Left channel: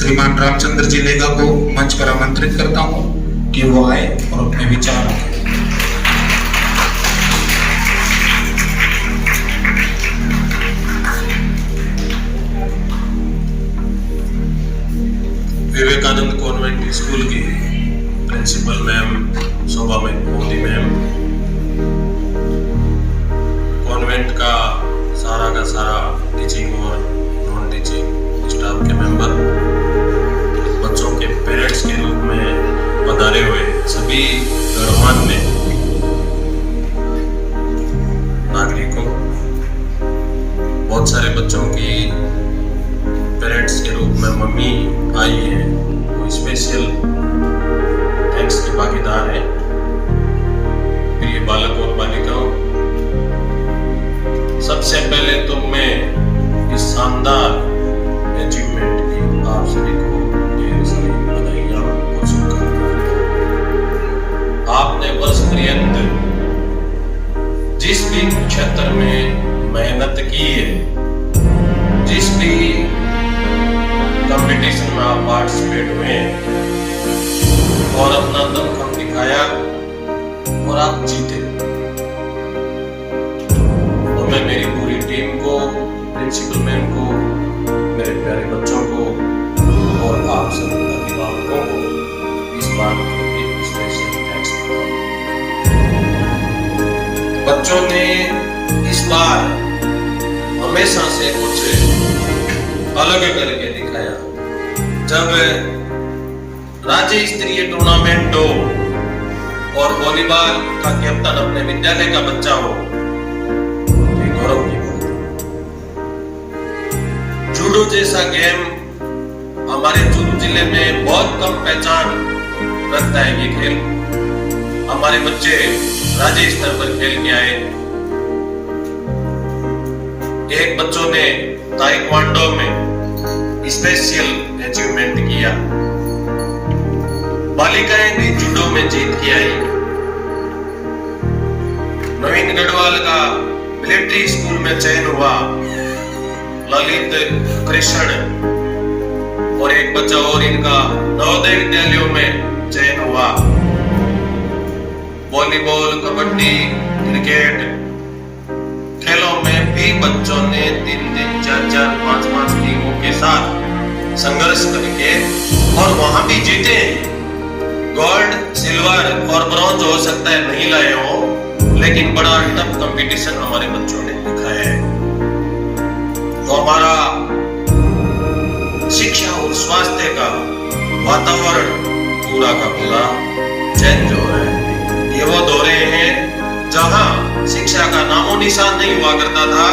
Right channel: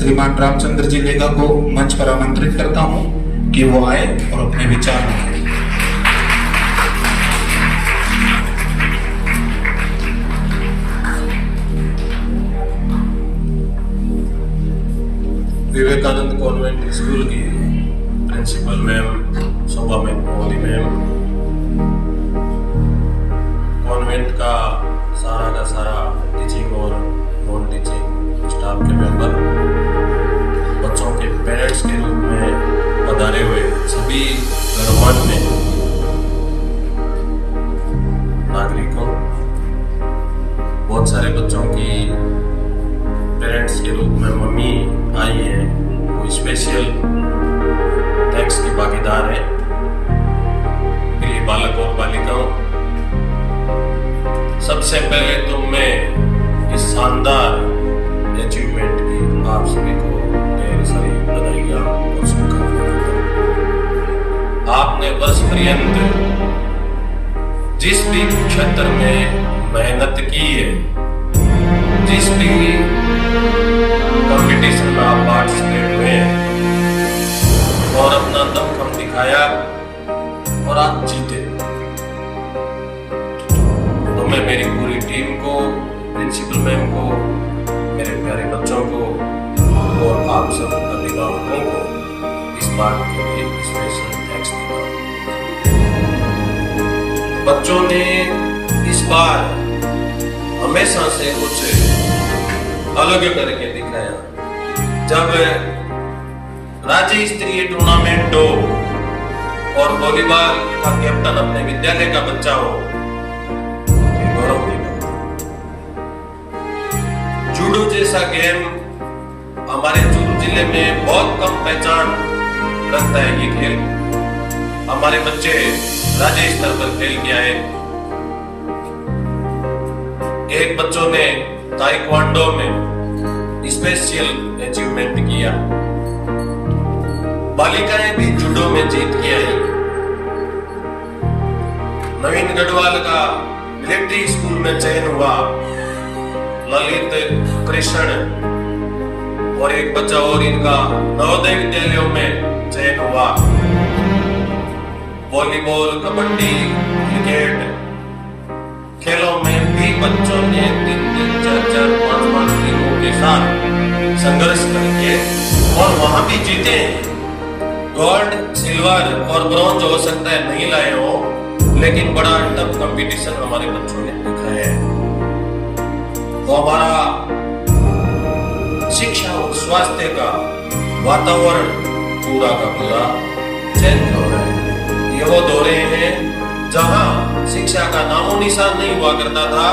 श्रीमान रामचंद्र जी लेगा को मंच पर आमंत्रित करता हूं कि वो आए और अपने विचार रखें। विवेकानंद कॉन्वेंट स्कूल की प्रिंसिपल मैम शोभा मोदी मैम, कॉन्वेंट का सारा टीचिंग और नॉन टीचिंग स्टाफ के मेंबर, बच्चों के पेरेंट्स के रूप में पधारे हुए सभी गणमान्य नागरिकों, बहुत सारे बच्चों की पेरेंट्स के रूप में मम्मी आई है, वो स्पेशल थैंक्स की भागीदार है। प्रिय बालक और बालिकाओं, सबसे पहले तो मैं इस शानदार अचीवमेंट की आप सभी को ढेर सारी बधाइयां और शुभकामनाएं देता हूं। आपने वर्ष पर्यंत जिस भी क्षेत्र में मेहनत की है, जिस भी कंपटीशन में आप पार्टिसिपेट हुए और अपना दमखम दिखाया और आप जीते, तो मैं मेरी पूरी टीम को, प्रिंसिपल मैम को, मेरे प्यारे बच्चों को और आप सब अभिभावकों को इस बात के लिए स्पेशल थैंक्स देता हूं। बच्चों ने इस बार हमेशा से कुछ अलग करके दिखाया। जब राज्य स्तरीय टूर्नामेंट हो और वॉलीबॉल का कैप्टन अपने विद्यालय का बच्चा हो, तो गौरव की बात है। जूडो जैसा गेम हमारे चूरू जिले में बहुत कम पहचान रखता है। ये खेल हमारे बच्चे राज्य स्तर पर खेल के आए। एक बच्चों ने ताइक्वांडो में स्पेशल अचीवमेंट किया। बालिकाएं भी जूडो में जीत के आई। नवीन गढ़वाल का मिलिट्री स्कूल में चयन हुआ, ललित, कृष्ण और एक बच्चा और इनका नवोदय विद्यालयों में चयन हुआ। वॉलीबॉल, कबड्डी, क्रिकेट खेलों में भी बच्चों ने 3-3, 4-4, 5-5 टीमों के साथ संघर्ष करके और वहां भी जीते। गोल्ड, सिल्वर और ब्रॉन्ज हो सकता है नहीं लाए हो, लेकिन बड़ा टफ कंपटीशन हमारे बच्चों ने दिखाया है। तो हमारा शिक्षा और स्वास्थ्य का वातावरण पूरा का पूरा चेंज हो रहा है। ये वो दौरे हैं जहां शिक्षा का नामो निशान नहीं हुआ करता था।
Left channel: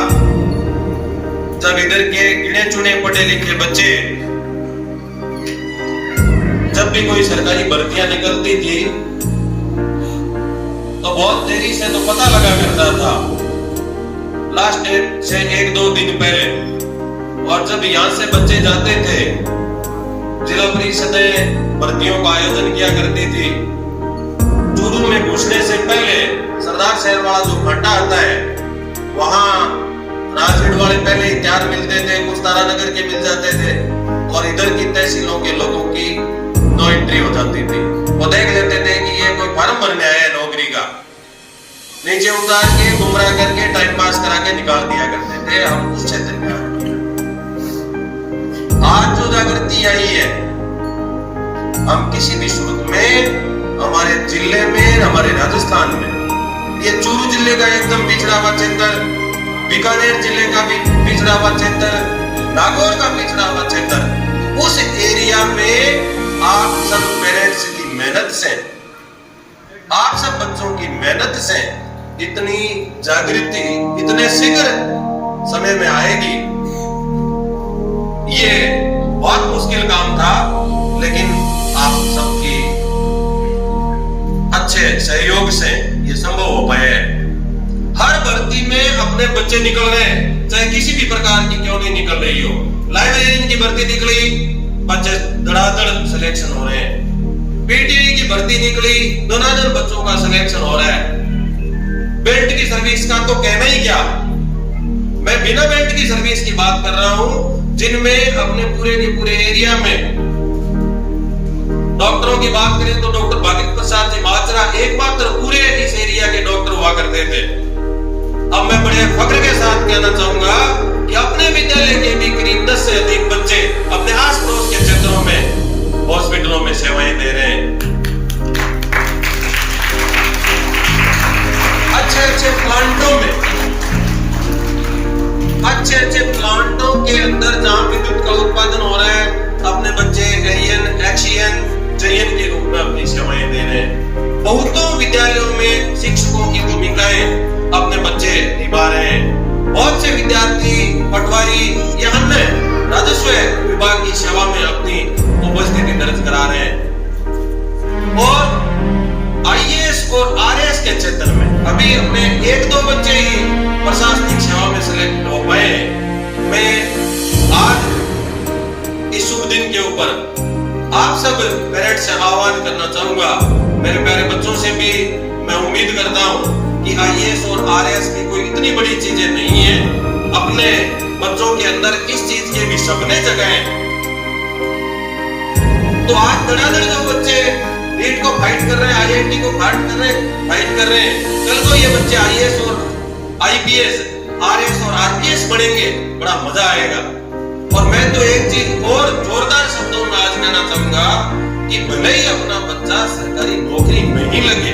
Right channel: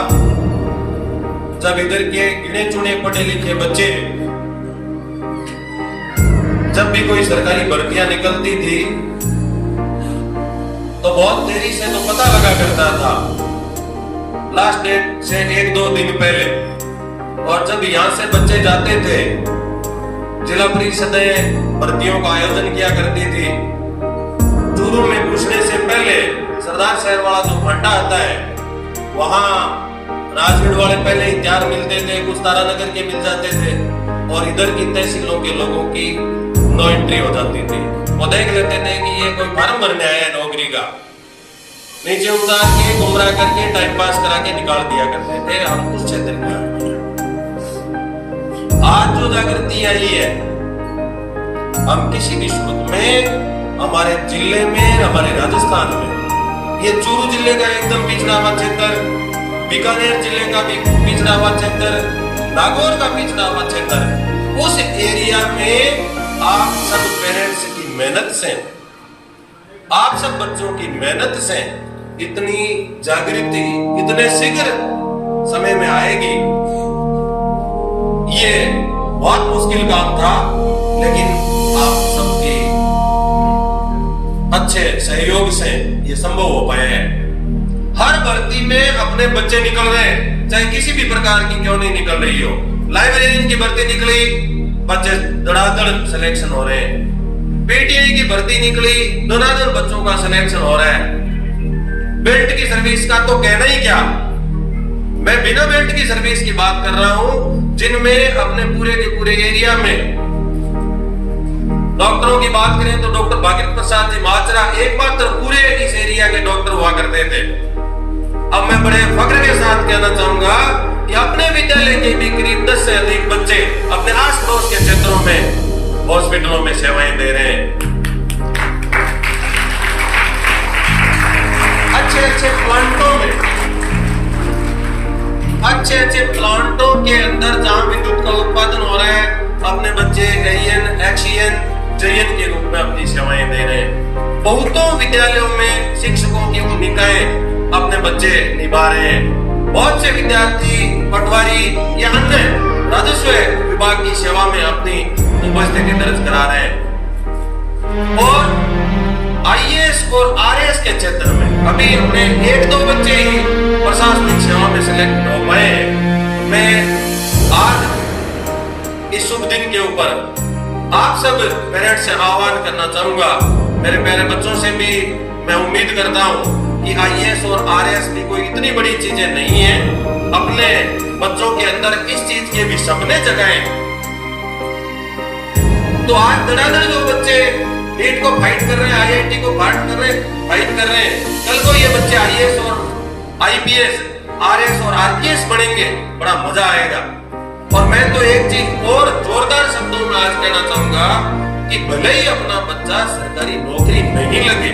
जब इधर के गिने चुने पढ़े लिखे बच्चे, जब भी कोई सरकारी भर्तियां निकलती थी तो बहुत देरी से तो पता लगा करता था, लास्ट डेट से 1-2 दिन पहले। और जब यहां से बच्चे जाते थे, जिला परिषदें भर्तियों का आयोजन किया करती थी। चूरू में घुसने से पहले सरदार शहर वाला जो फाटा आता है, वहां राजगढ़ वाले पहले ही तैयार मिलते थे, कुछ तारानगर के मिल जाते थे और इधर की तहसीलों के लोगों की नो एंट्री हो जाती थी। वो देख लेते थे कि ये कोई फार्म भरने आया है नौकरी का, नीचे उतार के गुमराह करके टाइम पास करा के निकाल दिया करते थे। हम उस क्षेत्र में आज जो जागृति आई है, हम किसी भी सूरत में हमारे जिले में, हमारे राजस्थान में, ये चूरू जिले का एकदम पिछड़ा हुआ क्षेत्र, बीकानेर जिले का भी पिछड़ा हुआ क्षेत्र, नागौर का पिछड़ा हुआ क्षेत्र, उस एरिया में आप सब पेरेंट्स की मेहनत से, आप सब बच्चों की मेहनत से इतनी जागृति इतने शीघ्र समय में आएगी, ये बहुत मुश्किल काम था, लेकिन आप सबकी अच्छे सहयोग से ये संभव हो पाया है। हर भर्ती में अपने बच्चे निकल गए, चाहे किसी भी प्रकार की क्यों नहीं निकल रही हो। लाइब्रेरियन की भर्ती निकली, बच्चे धड़ाधड़ सिलेक्शन हो रहे हैं। पीटीआई की भर्ती निकली, धड़ाधड़ बच्चों का सिलेक्शन हो रहा है। बेल्ट की सर्विस का तो कहना ही क्या, मैं बिना बेल्ट की सर्विस की बात कर रहा हूं, जिनमें अपने पूरे के पूरे एरिया में डॉक्टरों की बात करें तो डॉक्टर भागीरथ प्रसाद जी माजरा एकमात्र पूरे इस एरिया के डॉक्टर हुआ करते थे। अब मैं बड़े फख्र के साथ कहना चाहूंगा कि अपने विद्यालय के भी करीब 10 से अधिक बच्चे अपने आस पड़ोस के क्षेत्रों में हॉस्पिटलों में सेवाएं दे रहे हैं। अच्छे प्लांटों के अंदर जहां विद्युत का उत्पादन हो रहा है, अपने बच्चे एरियन एक्सियन जयन के रूप में अपनी सेवाएं दे रहे हैं। बहुतों विद्यालयों में शिक्षकों की भूमिकाएं अपने बच्चे निभा रहे हैं। बहुत से विद्यार्थी पटवारी या अन्य राजस्व विभाग की सेवा में अपनी उपस्थिति दर्ज करा रहे हैं। और आईएएस और आरएएस के क्षेत्र में अभी अपने 1-2 बच्चे ही प्रशासनिक सेवा में सिलेक्ट हो पाए। मैं आज इस शुभ दिन के ऊपर आप सब पेरेंट्स से आह्वान करना चाहूंगा, मेरे प्यारे बच्चों से भी मैं उम्मीद करता हूं कि आईएएस और आरएएस की कोई इतनी बड़ी चीजें नहीं है। अपने बच्चों के अंदर इस चीज के भी सपने जगाएं। तो आज धड़ाधड़ जो बच्चे नीट को फाइट कर रहे हैं, आईआईटी को फाइट कर रहे हैं, कल को ये बच्चे आईएएस और आईपीएस, आरएएस और आरपीएस बनेंगे, बड़ा मजा आएगा। और मैं तो एक चीज और जोरदार शब्दों में आज कहना चाहूंगा कि भले ही अपना बच्चा सरकारी नौकरी नहीं लगे,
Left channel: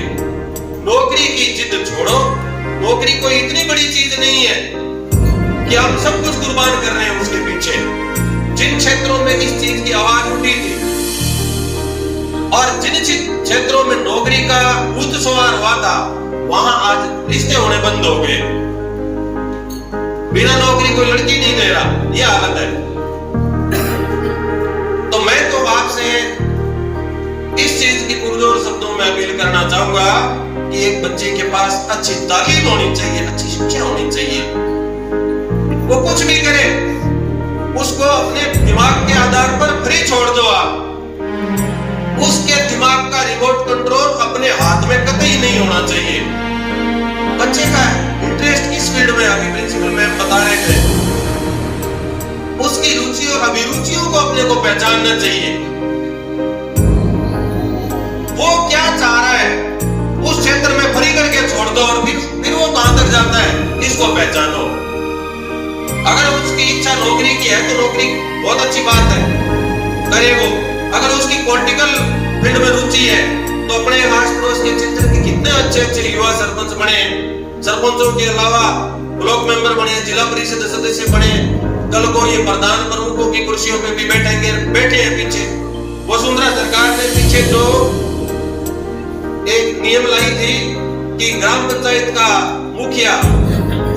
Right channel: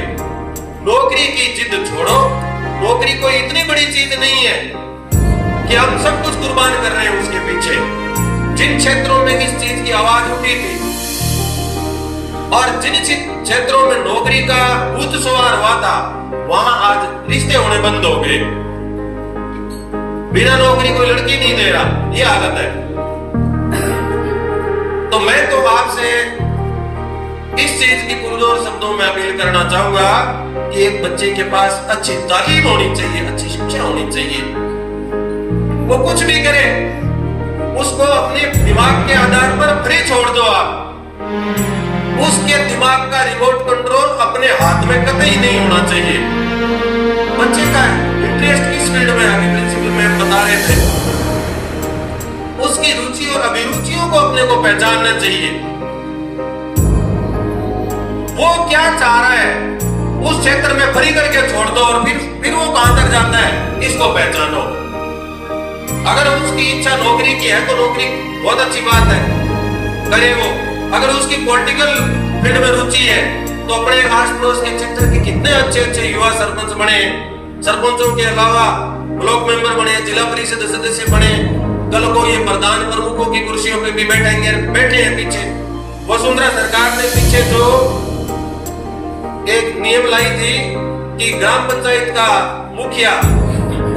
नौकरी की जिद छोड़ो। नौकरी कोई इतनी बड़ी चीज नहीं है कि हम सब कुछ कुर्बान कर रहे हैं उसके पीछे। जिन क्षेत्रों में इस चीज की आवाज उठी थी और जिन क्षेत्रों में नौकरी का भूत सवार हुआ था, वहां आज रिश्ते होने बंद हो गए। बिना नौकरी कोई लड़की नहीं दे रहा, यह हालत है। तो मैं तो आपसे इस चीज की पुरजोर शब्दों में अपील करना चाहूंगा कि एक बच्चे के पास अच्छी तालीम होनी चाहिए, अच्छी शिक्षा होनी चाहिए। वो कुछ भी करे, उसको अपने दिमाग के आधार पर फ्री छोड़ दो आप। उसके दिमाग का रिमोट कंट्रोल अपने हाथ में कतई नहीं होना चाहिए। बच्चे का इंटरेस्ट किस फील्ड में, अभी प्रिंसिपल मैम बता रहे थे, उसकी रुचि और अभिरुचियों को अपने को पहचानना चाहिए। वो क्या चाह रहा है, उस क्षेत्र में फ्री करके छोड़ दो और फिर वो कहां तक जाता है, इसको पहचानो। अगर उसकी इच्छा नौकरी की है तो नौकरी बहुत अच्छी बात है, करे वो। अगर उसकी पॉलिटिकल फील्ड में रुचि है तो अपने आस पड़ोस के क्षेत्र के कितने अच्छे युवा सरपंच बने, सरपंचों के अलावा ब्लॉक मेंबर बने, जिला परिषद सदस्य बने, कल को ये प्रधान प्रमुखों की कुर्सियों पे भी बैठे हैं पीछे। वसुंधरा सरकार ने पीछे जो एक नियम लाई थी कि ग्राम पंचायत का मुखिया,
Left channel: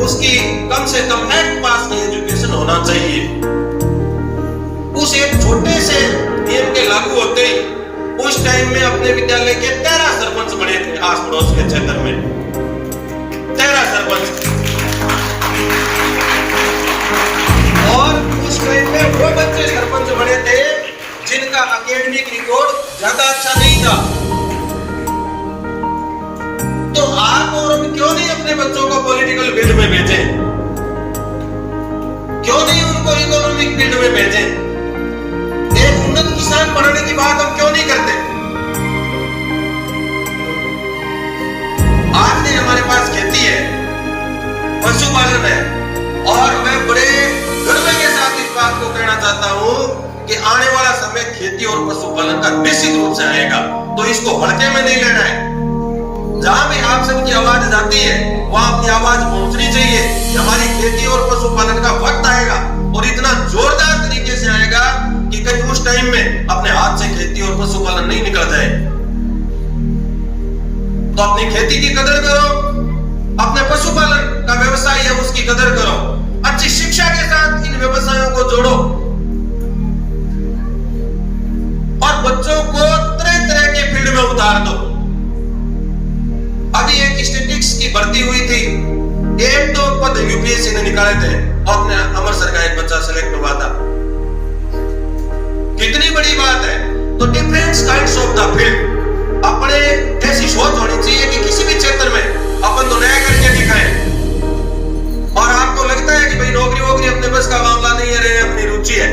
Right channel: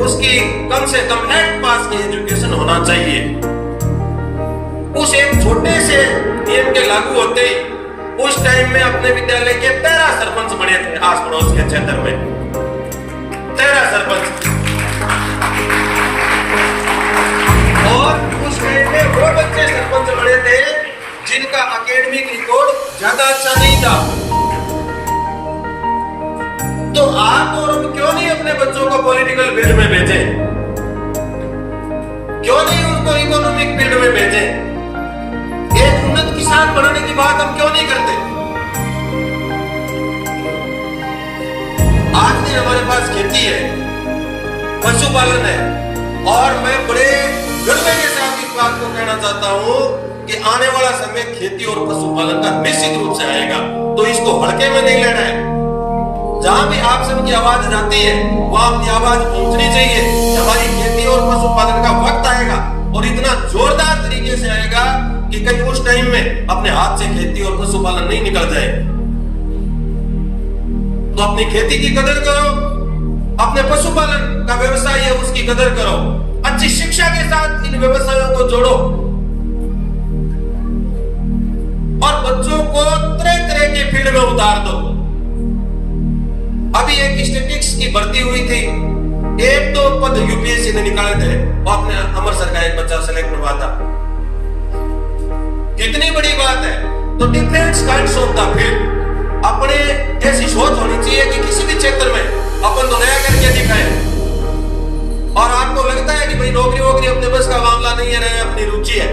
उसकी कम से कम 8 पास की एजुकेशन होना चाहिए। उस एक छोटे से नियम के लागू होते ही उस टाइम में अपने विद्यालय के 13 सरपंच बने थे आस पड़ोस के क्षेत्र में, 13 सरपंच। और उस टाइम में वो बच्चे सरपंच बने थे जिनका एकेडमिक रिकॉर्ड ज्यादा अच्छा नहीं था। तो आप और हम क्यों नहीं अपने बच्चों को पॉलिटिकल फील्ड में भेजें? क्यों नहीं उनको इकोनॉमिक फील्ड में भेजें? एक उन्नत किसान बनने की बात हम क्यों नहीं करते? आज भी हमारे पास खेती है, पशुपालन है, और मैं बड़े गर्व के साथ इस बात को कहना चाहता हूं कि आने वाला समय खेती और पशुपालन का निश्चित रूप से आएगा। तो इसको हल्के में नहीं लेना है। जहां भी आप सबकी आवाज जाती है वहां आपकी आवाज पहुंचनी चाहिए। हमारी खेती और पशुपालन का वक्त आएगा और इतना जोरदार तरीके से आएगा कि कहीं उस टाइम में अपने हाथ से खेती और पशुपालन नहीं निकल जाए। तो अपनी खेती की कदर करो, अपने पशुपालन का व्यवसाय है उसकी कदर करो, अच्छी शिक्षा के साथ इन व्यवसायों को जोड़ो और बच्चों को तरह तरह के फील्ड में उतार दो। अभी एक स्टैटिस्टिक्स की भर्ती हुई थी, 1-2 पद यूपीएससी ने निकाले थे और अपने अमृतसर का एक बच्चा सेलेक्ट हुआ था। कितनी बड़ी बात है। तो different kinds of the field, अपने ऐसी सोच होनी चाहिए कि किसी भी क्षेत्र में अपन तो नया करके दिखाएं। और आपको लगता है कि भाई नौकरी वोकरी अपने बस का मामला नहीं है, अपनी रुचि है,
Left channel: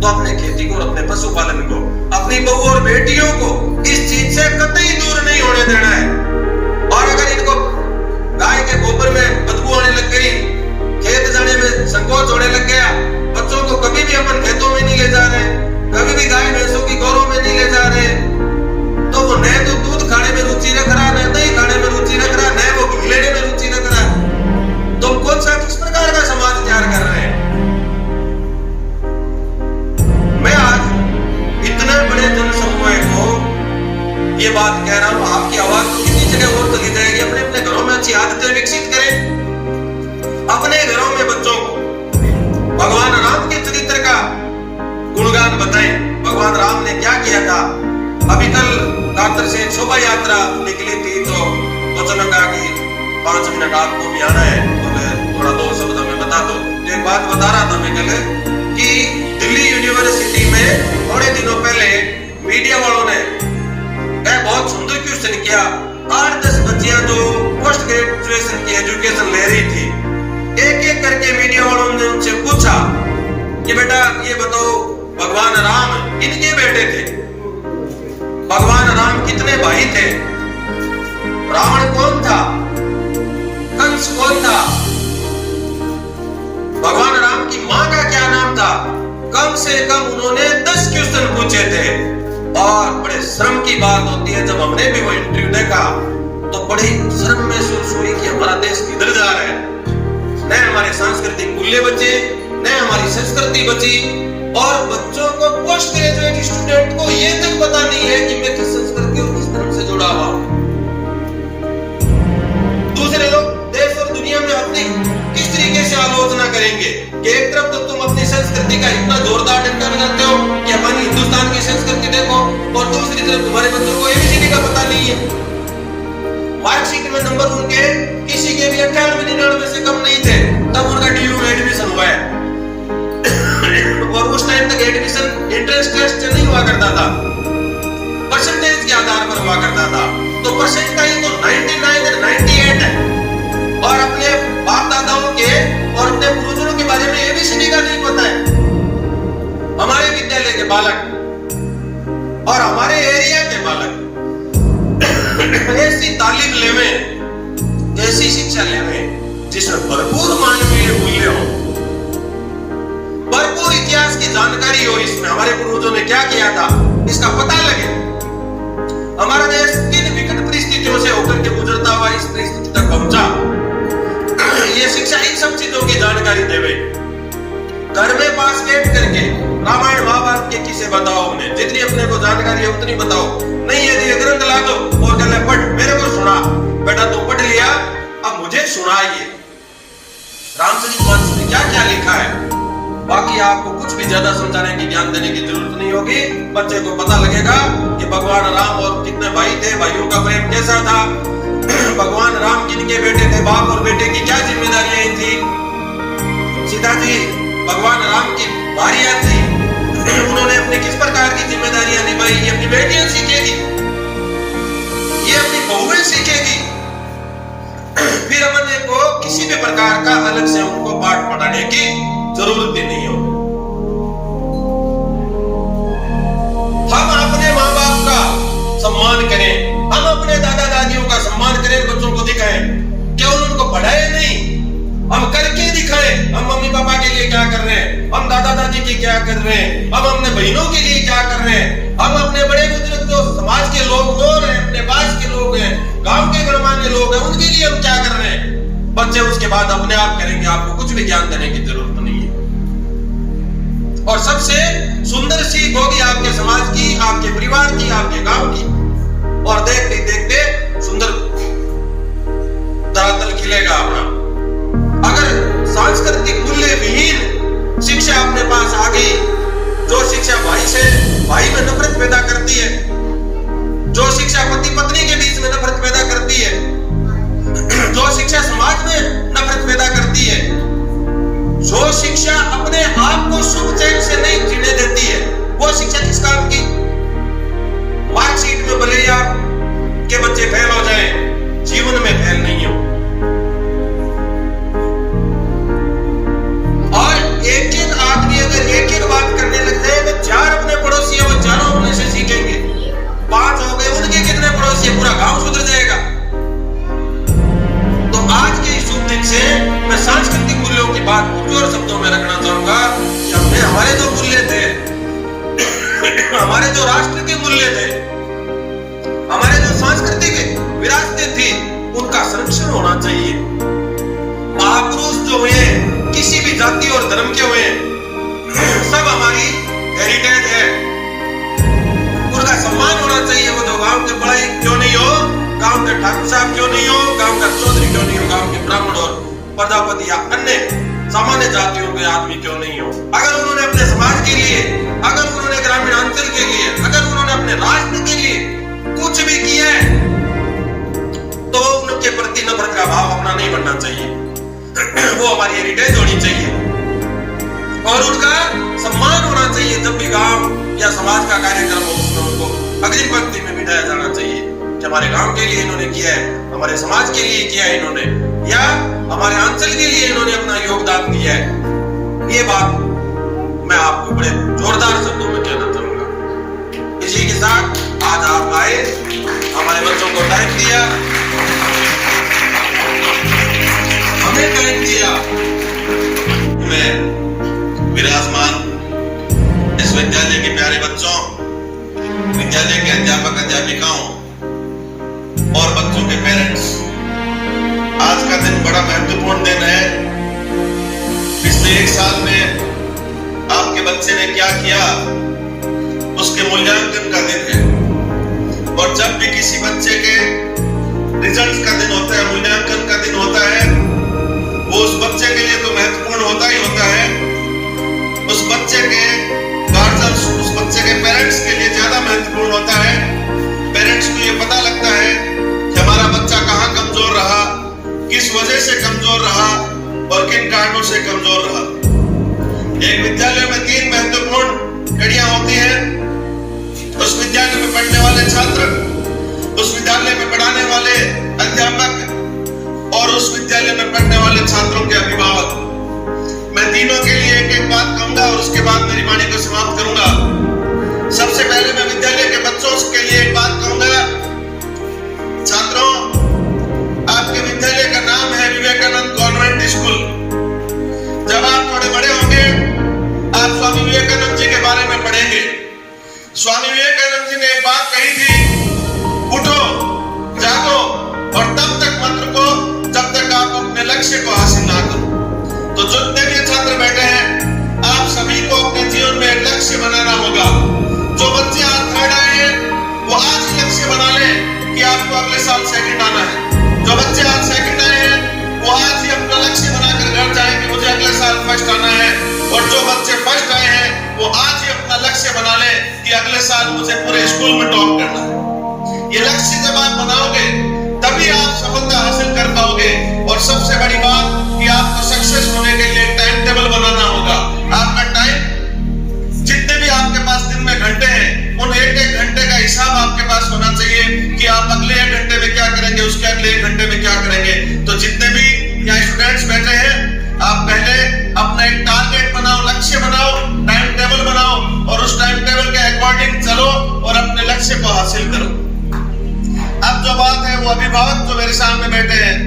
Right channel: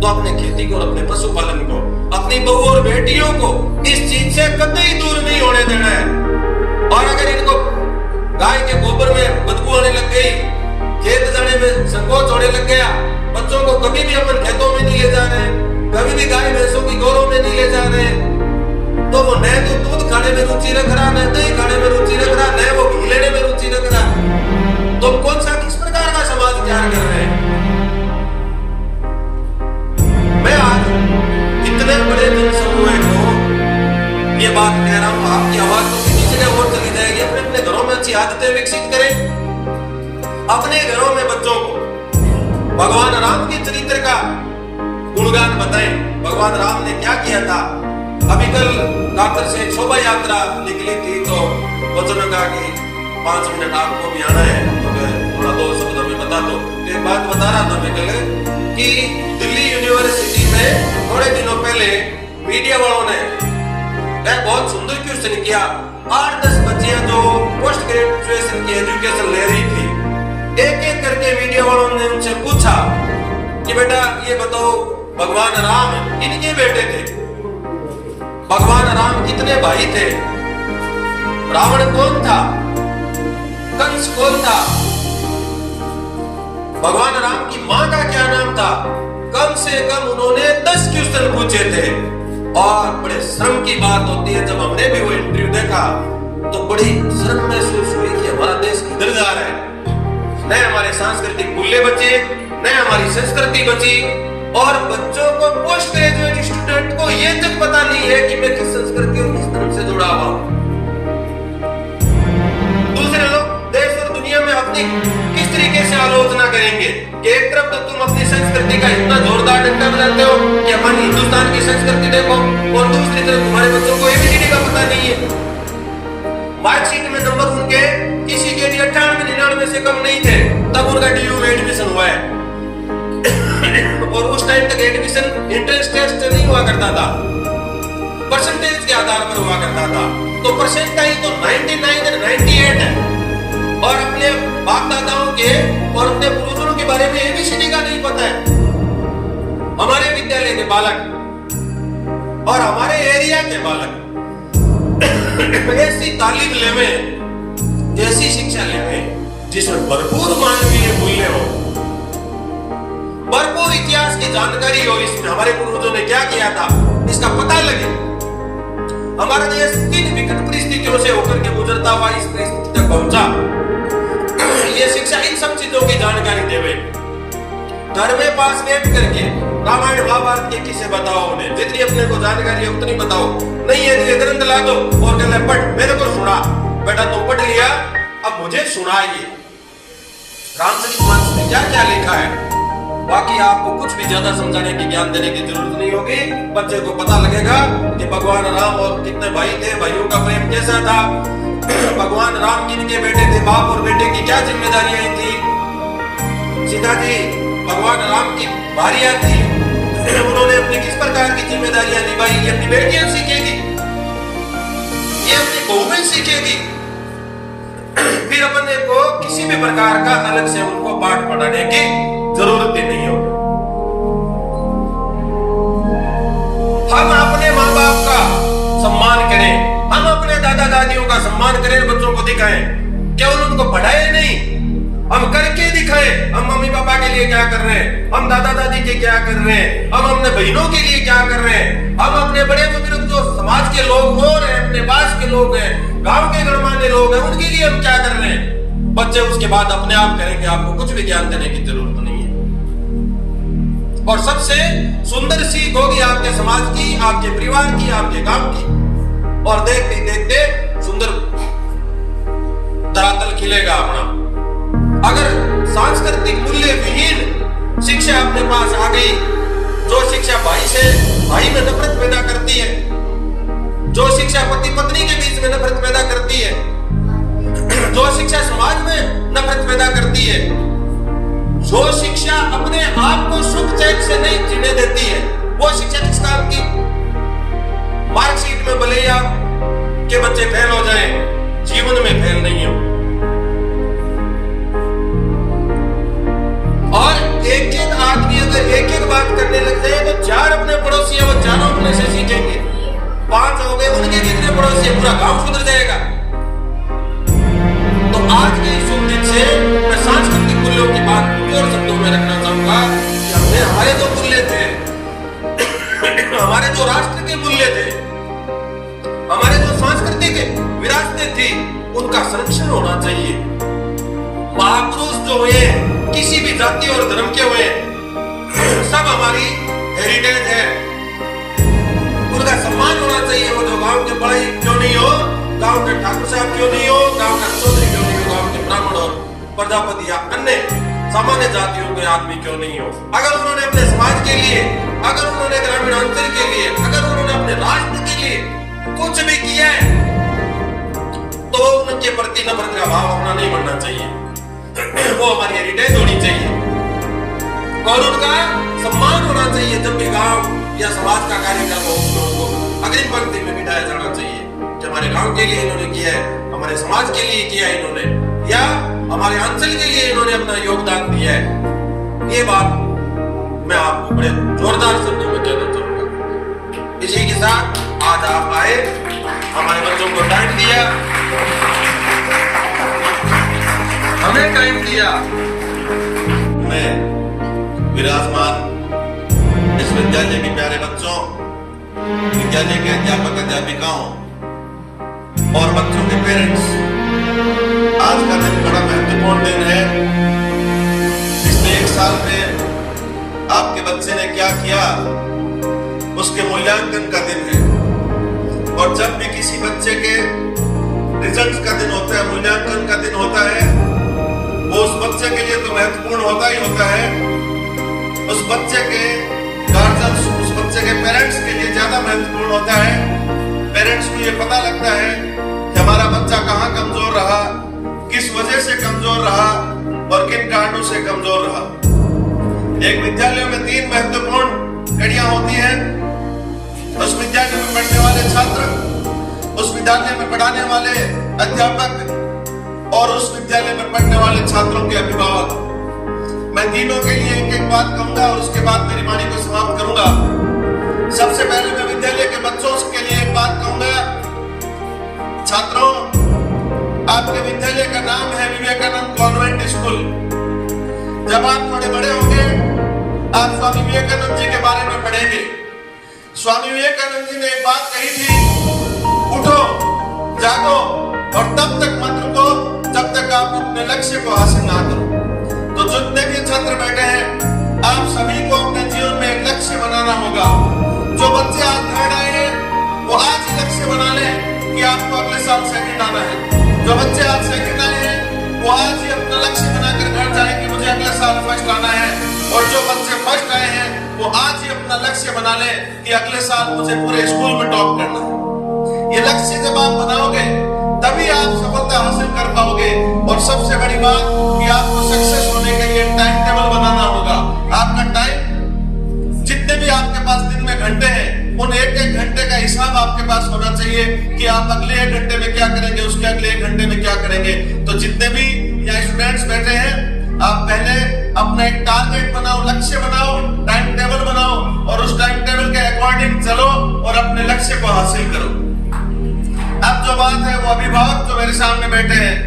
तो अपने खेती को और अपने पशुपालन को, अपनी बहू और बेटियों को इस चीज से कतई दूर नहीं होने देना है। और अगर इनको गाय के गोबर में बदबू आने लग गई, खेत जाने में संकोच होने लग गया, बच्चों को कभी भी अपन खेतों में नहीं ले जा रहे, कभी भी गाय भैंसों की गौरों में नहीं ले जा रहे, तो वो न तो दूध खाने में रुचि रख रहा, न दही खाने में रुचि रख रहा, न वो घी लेने में रुचि रख रहा, तो कौन सा किस प्रकार का समाज तैयार कर रहे हैं। मैं आज इतने बड़े जनसमूह को ये बात कह रहा हूं, आपकी आवाज तो किसी जगह और चली जाएगी। अपने अपने घरों में अच्छी आदतें विकसित करें, अपने घरों में बच्चों को भगवान राम के चरित्र का गुणगान बताएं। भगवान राम ने क्या किया था। अभी कल कातर से शोभा यात्रा निकली थी, तो वचन का कि 5 मिनट आपको भी आना है, तो थोड़ा 2 शब्द में बता दो। एक बात बता रहा था मैं कल कि दिल्ली यूनिवर्सिटी में थोड़े दिनों पहले मीडिया वालों ने एक बहुत सुंदर क्वेश्चन किया। 8-10 बच्चियां जो पोस्ट ग्रेजुएशन की एजुकेशन ले रही थी, एक एक करके मीडिया वालों ने उनसे पूछा कि बेटा ये बताओ, भगवान राम किनके बेटे थे, भगवान राम कितने भाई थे, रावण कौन था, कंस कौन था, भगवान राम की मां का क्या नाम था। कम से कम उन्होंने 10 क्वेश्चन पूछे थे। और बड़े शर्म की बात होती है, जब हमने भी वो इंटरव्यू देखा तो बड़ी शर्म महसूस हुई कि हमारा देश किधर जा रहा है। न हमारे सांस्कृतिक मूल्य बचे, न हमारी संस्कृति बची, और बच्चों को पोस्ट ग्रेजुएट स्टूडेंट को ये तक पता नहीं है कि मैं किस संस्कृति और किस धर्म से जुड़ा हुआ। दूसरे लोग देश और दुनिया में अपनी किस तरीके से आलोचना करेंगे कि एक तरफ तो तुम अपनी संस्कृति का इतना जोरदार डंडा बजाते हो कि हमारी हिंदुस्तान की संस्कृति देखो, और दूसरी तरफ तुम्हारे बच्चों को एबीसीडी का पता नहीं है। मार्कशीट में नंबर उनके किसी के भी 98-99 से कम नहीं थे, तब उनका डीयू में एडमिशन हुआ है। और उस टाइम तक एडमिशन एंट्रेंस टेस्ट नहीं हुआ करता था, परसेंटेज के आधार पर हुआ करता था। तो परसेंटाइल तो 99 और 98 है। और अपने बाप दादाओं के और अपने पूर्वजों के बारे में एबीसीडी का नहीं पता है। हमारे विद्यालय के बालक और हमारे एरिया के बालक ऐसी तालीम लेवे, ऐसी शिक्षा लेवे जिसमें भरपूर मानवीय मूल्य हो, भरपूर इतिहास की जानकारी हो, इसमें हमारे पूर्वजों ने क्या किया था इसका पता लगे। हमारा देश 3 विकट परिस्थितियों से होकर के गुजरता हुआ इस परिस्थिति तक पहुंचा। ये शिक्षा इन सब चीजों की जानकारी देवे। घर में पास बैठ करके रामायण महाभारत के किस्से बताओ, उन्हें जितनी अपने को जानकारी है उतनी बताओ। नहीं यदि ग्रंथ ला दो और कहले पढ़, मेरे को सुना, बेटा तू पढ़ लिया, अब मुझे सुनाइए रामचरितमानस में क्या क्या लिखा है। बाकी आपको कुछ भी ज्यादा समझाने की, ज्ञान देने की जरूरत नहीं होगी। बच्चे को पता लगेगा कि भगवान राम और कितने भाई थे, भाइयों का प्रेम कैसा था, भगवान राम किनके बेटे थे, बाप और बेटे की क्या जिम्मेदारियां थी। सीता जी भगवान राम की भारिया थी, उन्होंने अपनी किस प्रकार की जिम्मेदारियां निभाई, ये अपनी बेटियां सीखेगी, ये अपनी बहुएं सीखेगी। फिर अपने को किसी भी प्रकार का अलग से उनको पाठ पढ़ाने की जरूरत भी नहीं होगी। हम अपने माँ बाप का सम्मान करें, हम अपने दादा दादियों का सम्मान करें, बच्चों को दिखाएं। केवल उनको पढ़ाए नहीं, हम करके दिखाएं। हम मम्मी पापा के लिए क्या कर रहे हैं, हम दादा दादी के क्या कर रहे हैं, हम अपने बहनों के लिए क्या कर रहे हैं, हम अपने बड़े बुजुर्ग जो समाज के लोग और हैं, अपने पास के लोग हैं, गांव के गणमान्य लोग हैं, उनके लिए हम क्या कर रहे हैं। बच्चे उसके बाद अपने आप करेंगे, आपको कुछ भी ज्ञान देने की जरूरत नहीं है। और सबसे सुंदर सीख होगी आपके समाज की, आपके परिवार की, आपके गांव की। और देखते देखते सुंदर धरातल खिलेगा अपना। अगर सांस्कृतिक मूल्य विहीन शिक्षा अपने पास आ गई, जो शिक्षा भाई में नफरत पैदा करती है, जो शिक्षा पति पत्नी के बीच में नफरत पैदा करती है, जो शिक्षा समाज में नफरत पैदा करती है, जो शिक्षा अपने आप को सुख चैन से नहीं जीने देती है, वो शिक्षा किस काम की। मार्कशीट में भले यार के बच्चे फेल हो जाएं, जीवन में फेल नहीं हो। और एक एक आदमी अगर एक एक बात करने लग जाए उनका संरक्षण होना चाहिए। महापुरुष जो हुए किसी भी जाति और धर्म के हुए सब हमारी हेरिटेज है, उनका सम्मान होना चाहिए। वो जो गांव के बड़े क्यों नहीं हो, गांव के ठाकुर साहब क्यों नहीं हो, गांव का चौधरी क्यों नहीं हो, गांव के ब्राह्मण और प्रजापति या अन्य सामान्य जातियों के आदमी क्यों नहीं हो, अगर उन्होंने अपने समाज के लिए, अगर उन्होंने ग्रामीण अंचल के लिए, अगर उन्होंने अपने राष्ट्र के लिए कुछ भी किया है तो उनके प्रति नफरत का भाव अपना नहीं बनना चाहिए। वो हमारी हेरिटेज होनी चाहिए और उनका सम्मान होना चाहिए। जब भी गांव या समाज का कार्यक्रम हो उसमें उनको अग्रिम पंक्ति में बिठाया जाना चाहिए कि हमारे गांव के लिए इन्होंने किया है, हमारे समाज के लिए किया है इन्होंने, या हमारे अंचल के लिए इन्होंने अपना योगदान दिया है। ये बात मैं आपको बड़े जोरदार शब्दों में कहना चाहूंगा। इसी के साथ आज आप आए, हमारे बच्चों को टाइम दिया, हमें टाइम दिया। मैं विराजमान इस विद्यालय के प्यारे बच्चों, विद्यालय के अध्यापक अध्यापिकाओं और बच्चों के पेरेंट्स, आज का दिन बड़ा महत्वपूर्ण दिन है। पिछले एक साल में आपके बच्चे ने क्या किया उसके मूल्यांकन का दिन है। और जब भी किसी बच्चे के रिजल्ट का दिन होता है, मूल्यांकन का दिन होता है, वो उस बच्चे के लिए तो महत्वपूर्ण होता ही होता है, उस बच्चे के गार्जियंस, उस बच्चे के पेरेंट्स के लिए ज्यादा महत्वपूर्ण होता है। पेरेंट्स को ये पता लगता है कि हमारा बच्चा कहाँ कमजोर रहा, किस वजह से कमजोर रहा और किन कारणों से कमजोर रहा। एक विद्यालय में 3 महत्वपूर्ण कड़ियां होती हैं। उस विद्यालय में पढ़ने वाले छात्र, उस विद्यालय में पढ़ाने वाले अध्यापक और उस विद्यालय में पढ़ने वाले छात्रों के अभिभावक। मैं तीनों के लिए एक एक बात कहूंगा और उसके बाद मेरी वाणी को समाप्त करूंगा। सबसे पहले मैं विद्यालय के बच्चों के लिए एक बात कहूंगा। छात्रों, आपके विद्यालय का नाम है विवेकानंद कॉन्वेंट स्कूल। जब आप थोड़े बड़े होंगे आप स्वामी विवेकानंद जी के बारे में पढ़ेंगे। स्वामी विवेकानंद जी ने एक बात कही थी, उठो, जागो और तब तक मत रुको जब तक आप अपने लक्ष्य को हासिल ना करो। तो जितने भी छात्र बैठे हैं, आप सभी को अपने जीवन में एक लक्ष्य बनाना होगा। जो बच्चे आज थर्ड आए हैं वो आज ही लक्ष्य बना लें कि आपको अगले साल सेकंड आना है। जो बच्चे आज सेकंड आए हैं वो आज ही अपना लक्ष्य बनाकर घर जाएं कि मुझे अगले साल फर्स्ट आना है। और जो बच्चे फर्स्ट आए हैं वो आज ही अपना लक्ष्य बना ले कि अगले साल मुझे पूरे स्कूल में टॉप करना है। ये लक्ष्य जब आप बनाओगे तभी आप सफलता हासिल कर पाओगे। और सबसे बड़ी बात कि आपको सक्सेस होने के लिए टाइम टेबल बनाना होगा। आपका टाइम, जितने भी आपके पास दिन में घंटे हैं, उन एक एक घंटे का हिसाब आपके पास होना चाहिए कि आप अगले 1 घंटे में क्या करेंगे, उसके अगले 1 घंटे में क्या करेंगे। तो जितने भी यहाँ स्टूडेंट्स बैठे हैं, आप पहले अपना एक टारगेट बनाओ, लक्ष्य बनाओ, टाइम टेबल बनाओ और उस टाइम टेबल के अकॉर्डिंग चलो और अपने लक्ष्य को हासिल करो। अब जो बात है वो अभिभावक जो मेरे सामने बैठे हैं,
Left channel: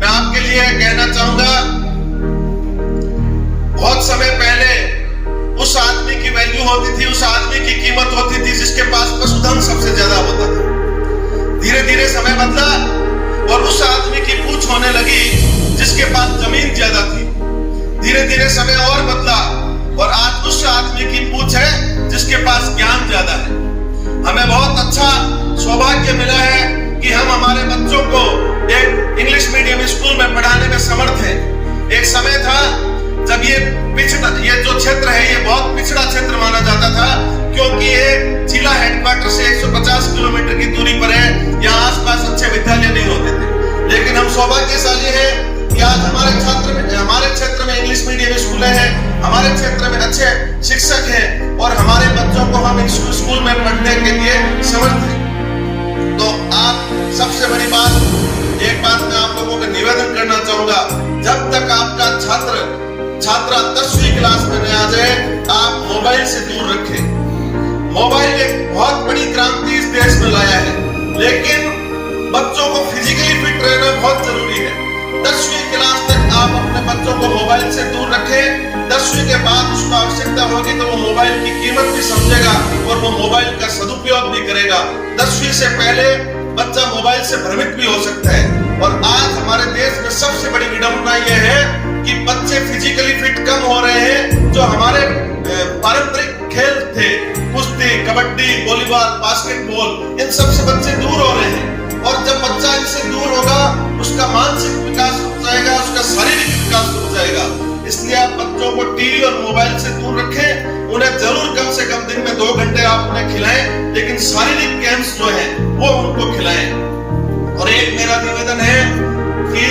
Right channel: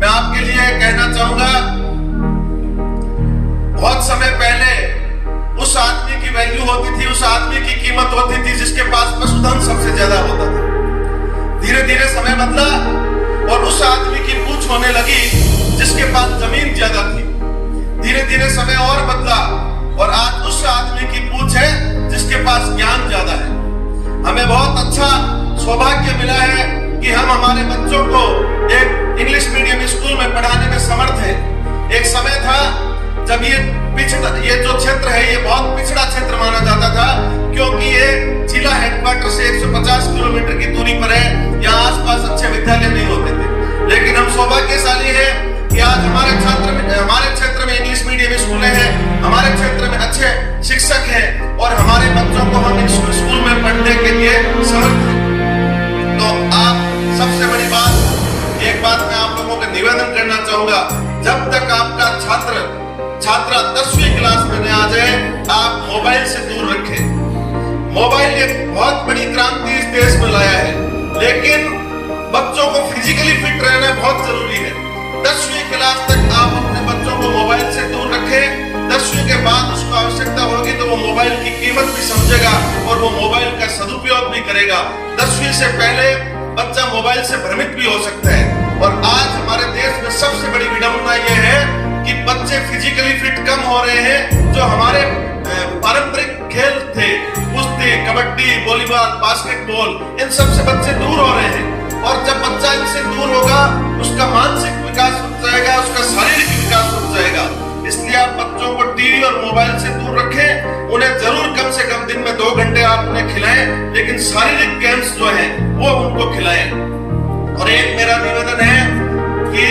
मैं आपके लिए कहना चाहूंगा, बहुत समय पहले उस आदमी की वैल्यू होती थी, उस आदमी की कीमत होती थी जिसके पास पशुधन सबसे ज्यादा होता था। धीरे धीरे समय बदला और उस आदमी की पूछ होने लगी जिसके पास जमीन ज्यादा थी। धीरे धीरे समय और बदला और आज उस आदमी की पूछ है जिसके पास ज्ञान ज्यादा है। हमें बहुत अच्छा सौभाग्य मिला है कि हम हमारे बच्चों को एक इंग्लिश मीडियम स्कूल में पढ़ाने में समर्थ हैं। एक समय था जब ये जो क्षेत्र है ये बहुत पिछड़ा क्षेत्र माना जाता था, क्योंकि ये जिला हेडक्वार्टर से 150 किलोमीटर की दूरी पर है। यहाँ आसपास अच्छे विद्यालय नहीं होते थे, लेकिन हम सौभाग्यशाली हैं कि आज हमारे क्षेत्र में इंग्लिश मीडियम स्कूल हैं, हमारे क्षेत्र में अच्छे शिक्षक हैं और हमारे बच्चों को हम स्कूल में पढ़ने के लिए समर्थ हैं। तो आप सबसे बड़ी बात, एक बात मैं आप लोगों को निवेदन करना चाहूंगा, जब तक आपका छात्रा 10वीं क्लास में आ जाए, आप मोबाइल से दूर रखें। मोबाइल एक बहुत बड़ी क्रांति इस देश में लाया है, लेकिन बच्चों को फिजिकली फिट रहना बहुत जरूरी है। 10वीं क्लास तक आप अपने बच्चों को मोबाइल से दूर रखें। 10वीं के बाद उसको आवश्यकता होगी तो वो मोबाइल की कीमत भी समझेगा और वो मोबाइल का सदुपयोग भी करेगा। 10वीं से पहले बच्चा मोबाइल से भ्रमित भी हो सकता है और फिजिकली फिट कम हो रहे हैं। जो हमारे पारंपरिक खेल थे, कुश्ती, कबड्डी, वॉलीबॉल, बास्केटबॉल, इन सब से बच्चे दूर हो रहे हैं। और जब बच्चा इनसे दूर होगा, उसका मानसिक विकास रुक जाएगा, उसका शारीरिक विकास रुक जाएगा। इसलिए आप बच्चों को टीवी और मोबाइल से दूर रखें। उन्हें जरूर कम से कम दिन में 2 घंटे आप उन्हें खिलाएं, लेकिन शारीरिक गेम्स जो है वो उनको खिलाएं। और एक मेरा निवेदन है कि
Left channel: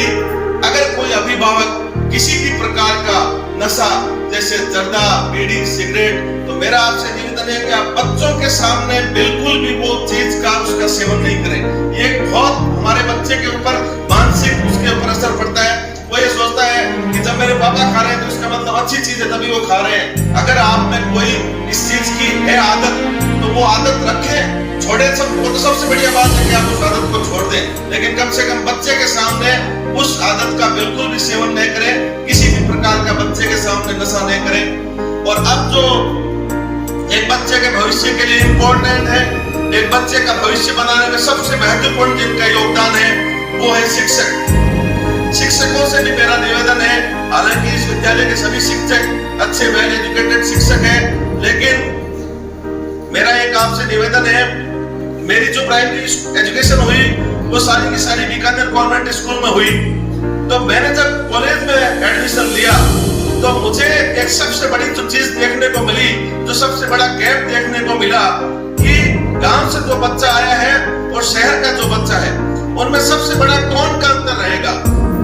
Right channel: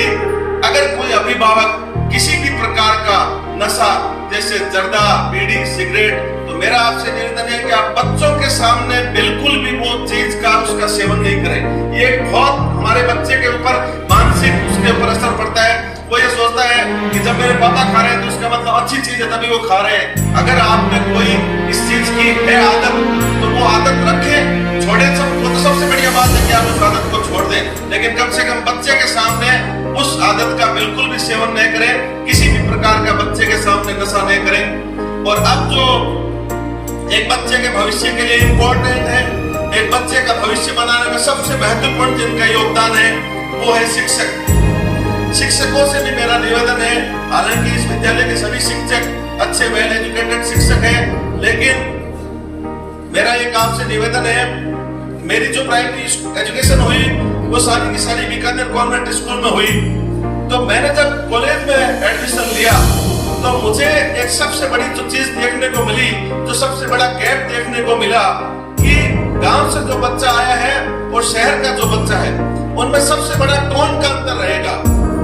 अगर कोई अभिभावक किसी भी प्रकार का नशा जैसे जर्दा, बीड़ी, सिगरेट, तो मेरा आपसे निवेदन है कि आप बच्चों के सामने बिल्कुल भी वो चीज का उसका सेवन नहीं करें। ये बहुत हमारे बच्चे के ऊपर मानसिक उसके ऊपर असर पड़ता है। वो ये सोचता है कि जब मेरे पापा खा रहे हैं तो इसका मतलब अच्छी चीज है, तभी वो खा रहे हैं। अगर आप में कोई इस चीज की है आदत, तो वो आदत रखें, छोड़े सब, वो तो सबसे बढ़िया बात है कि आप उस आदत को छोड़ दें, लेकिन कम से कम बच्चे के सामने उस आदत का बिल्कुल भी सेवन नहीं करें। किसी भी प्रकार का बच्चे के सामने नशा नहीं करें। और अब जो एक बच्चे के भविष्य के लिए इम्पोर्टेंट है, एक बच्चे का भविष्य बनाने में सबसे महत्वपूर्ण जिनका योगदान है वो है शिक्षक। शिक्षकों से भी मेरा निवेदन है, हालांकि इस विद्यालय के सभी शिक्षक अच्छे वेल एजुकेटेड शिक्षक हैं, लेकिन मेरा एक आपसे निवेदन है, मेरी जो प्राइमरी एजुकेशन हुई वो सारी की सारी बीकानेर गवर्नमेंट स्कूल में हुई। तो मैंने जब कॉलेज में एडमिशन लिया तो मुझे एक सबसे बड़ी जो चीज देखने को मिली, जो सबसे बड़ा गैप देखने को मिला, कि गांव से जो बच्चा आया है और शहर का जो बच्चा है, उनमें सबसे बड़ा टोन का अंतर रहेगा।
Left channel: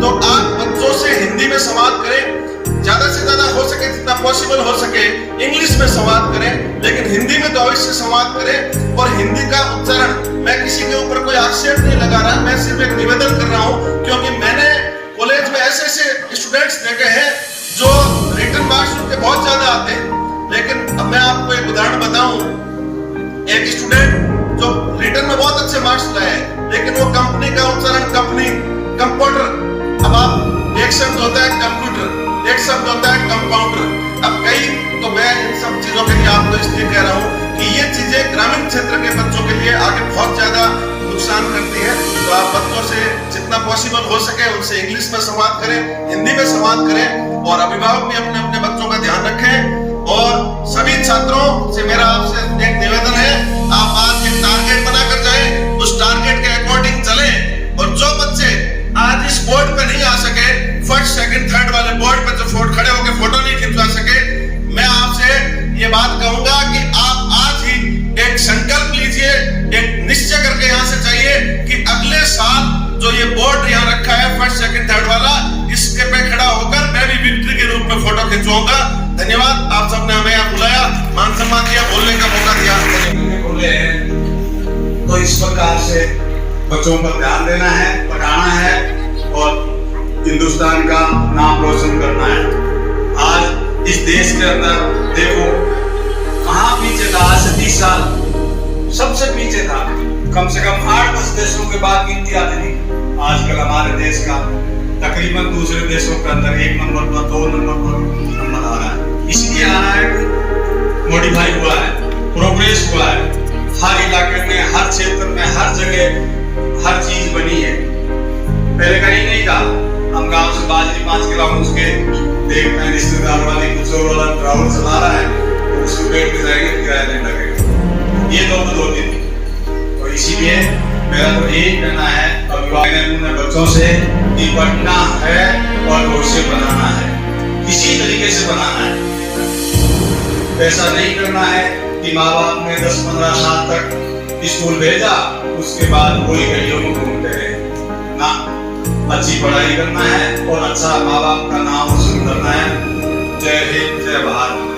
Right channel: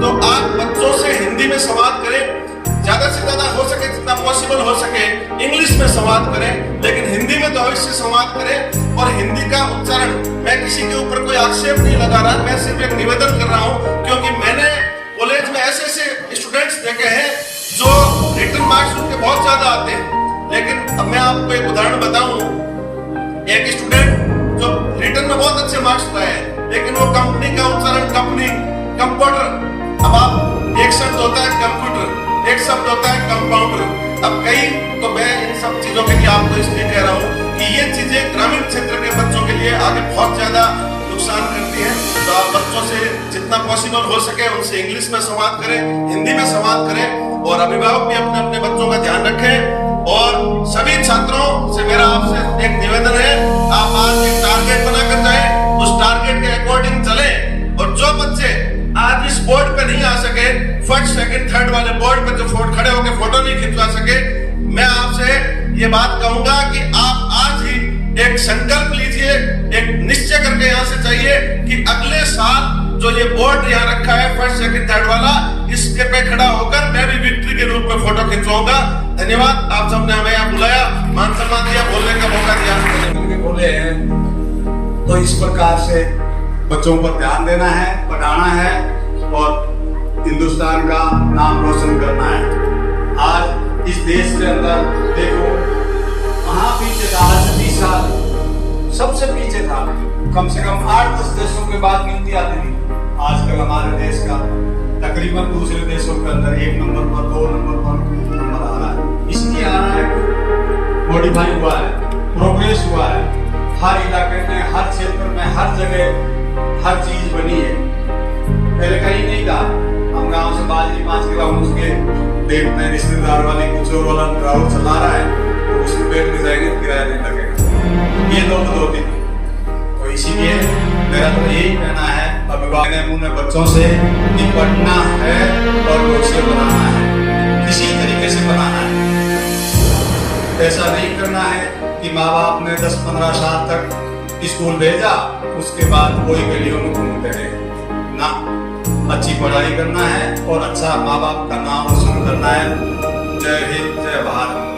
तो आप बच्चों से हिंदी में संवाद करें, ज्यादा से ज्यादा हो सके, जितना पॉसिबल हो सके इंग्लिश में संवाद करें, लेकिन हिंदी में तो अवश्य संवाद करें। और हिंदी का उच्चारण, मैं किसी के ऊपर कोई आक्षेप नहीं लगा रहा, मैं सिर्फ एक निवेदन कर रहा हूं, क्योंकि मैंने कॉलेज में ऐसे ऐसे स्टूडेंट्स देखे हैं जो रिटन मार्क्स उनके बहुत ज्यादा आते हैं। लेकिन अब मैं आपको एक उदाहरण बताऊं, एक स्टूडेंट जो रिटन में बहुत अच्छे मार्क्स लाए हैं, लेकिन वो कंपनी का उच्चारण, कंपनी, कंप्यूटर, अब आप एक शब्द होता है कंप्यूटर, एक शब्द होता है कंपाउंडर, अब कई, तो मैं इन सब चीजों के लिए आपको इसलिए कह रहा हूँ कि ये चीजें ग्रामीण क्षेत्र के बच्चों के लिए आगे बहुत ज्यादा नुकसान करती है। तो आप बच्चों से जितना पॉसिबल हो सके उनसे इंग्लिश में संवाद करें, हिंदी में संवाद करें, और अभिभावक भी अपने अपने बच्चों का ध्यान रखें। और सभी छात्रों से मेरा आपसे एक निवेदन है, आप आज एक टारगेट बनाकर जाएं, उस टारगेट के अकॉर्डिंग चले। और जो बच्चे आज इस बोर्ड पे नहीं आ सके, फर्स्ट, सेकंड, थर्ड वाले बोर्ड पर जो खड़े होकर फोटो नहीं खिंचवा सके, मैं आपसे ये बात कहूंगा कि आप आज ही एक संकल्प लीजिए, एक निश्चय करके यहाँ से चाहिए कि अगले साल जो ये बोर्ड यहाँ रखा है फर्स्ट, सेकंड, थर्ड वाला, इसके पे खड़ा होकर मैं भी विक्ट्री के रूप में फोटो खिंचवाऊंगा। धन्यवाद, आप सबने हमें यहाँ बुलाया, मान सम्मान दिया, बोलने का मौका दिया, बोले हैं। तो इस प्रकार से बच्चों पर ध्यान देना है, पढ़ाना है और हिंदुस्तान का नाम रोशन करना है। आज इस देश के अंदर देखो कहाँ पीछे था, आज से 30 साल सबसे पीछे था, कम से कम 8-10 देशों के बाद गिनती आती थी। आजकल हमारे देश का तकरीबन दूसरे देशों के अंदर 1 नंबर पर, 2 नंबर पर नंबर आ रहा है। इसलिए आ रहा है कि मॉडिफाई हुआ है, प्रोग्रेस हुआ है, हर इलाके में, हर क्षेत्र में, हर जगह हर चीज बनी है। पहले कहीं नहीं था, हम गांव से बाजरी 5 किलोमीटर के देखते हैं, रिश्तेदार वाले कुछ और वाला ट्रैवल चला रहा है तो उसमें बैठ के जाएंगे, किराया नहीं लगेगा। ये दो तो होती थी। तो इसीलिए मेरा तो यही कहना है अभिभावक ने बच्चों से निपटना है और भविष्य बनाना है, किसी तरीके से बनाना है। ऐसा नहीं करना है कि माँ बाप ने 10-15 साल तक स्कूल भेजा, उसके बाद कोई गलियों में घूमते रहे ना। अच्छी पढ़ाई करना है और अच्छा माँ बाप का नाम रोशन करना है। जय हिंद, जय भारत।